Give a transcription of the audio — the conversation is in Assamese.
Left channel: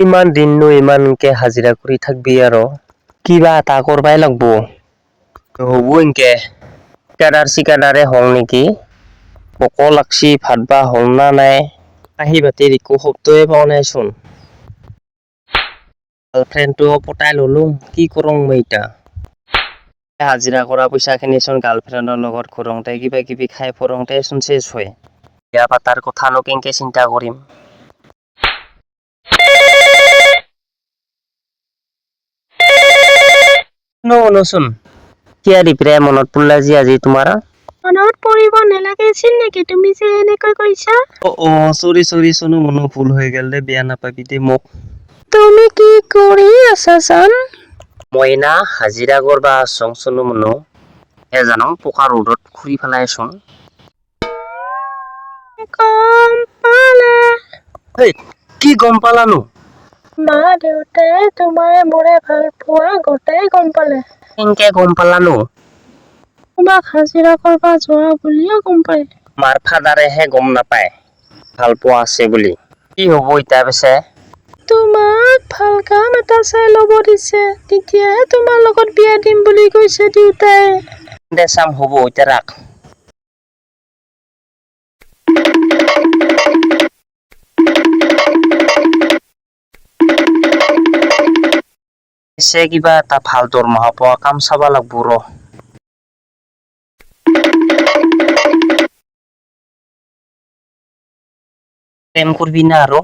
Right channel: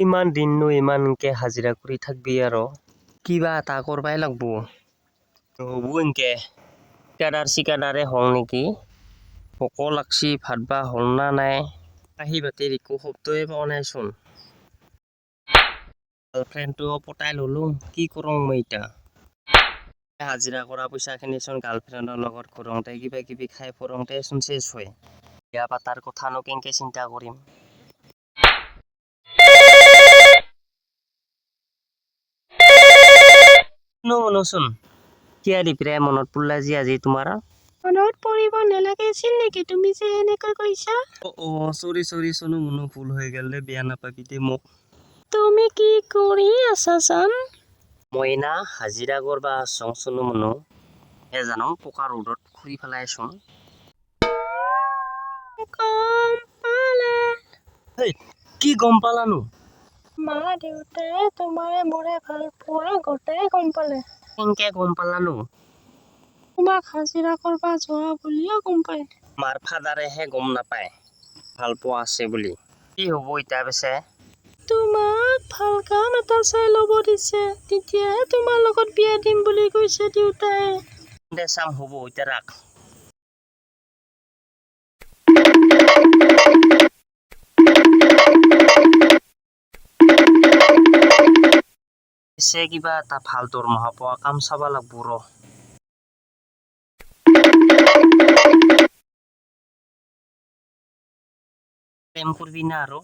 ইমান দিননো ইমানকে হাজিৰা কৰি থাকবি আৰু কিবা এটা কৰবাই লাগব নহব এনকে ঠিকাদাৰে হল নেকি ভোকো লাগছি ভাত বা হল না নাই কাঁহী বাতিৰ একো শব্দই পোৱা নাইচোন গাৰ্লফ্ৰেণ্ডটো পটাই ললো কি কৰোঁ মই এতিয়া হাজিৰা কৰা পইচাখিনি চোন গাৰ্লফ্ৰেণ্ডৰ লগত ঘূৰোঁতে কিবা কিবি খাই ফুৰোঁতে চোন চেছ হয় বিয়া পাতাৰ কথানো কেনেকে চিন্তা কৰিম শুনচোন কিয়া দিপৰে মনত পৰিলা যে আজি তোমাৰ মনত পৰিব নালাগিছিল নেকি তুমি যে এনেকৈ কৈছা চৰি চনো মনো ভুল হৈ গেল দে বেয়া নাপাবি দে মোক তুমি কি কৰি আছা জান মই না হাজিৰা কৰবা আছোং চনো মনো জানো পকা ৰ'দত ঘূৰি পেলাইছোং গম পালে কি গম পালানো মা দেউতাই তোমাৰ মোৰে ভাল পোৱা গোটেই গম পালে কেনেকে গম পালানো তোমাক হাজিৰা কৰবা যোৱা বুলিও গম পায় মাৰ ফাদাৰেহে গম নাপায় ভাল পোৱা আছে বুলি কি হব এতিয়া পিছে তোমাক ভাল কাম এটা চাই ল'ব দিছে তেতিয়াহে তোমাৰ লগত বিয়া দিম বুলি কৈছে দেউতাই দে চাম হ'ব এতিয়া ৰাখ পিছে কিবা এটা ভাল দৰমহা পোৱা কাম চাবা লাগব ৰ প্ৰেম কৰবি না আৰু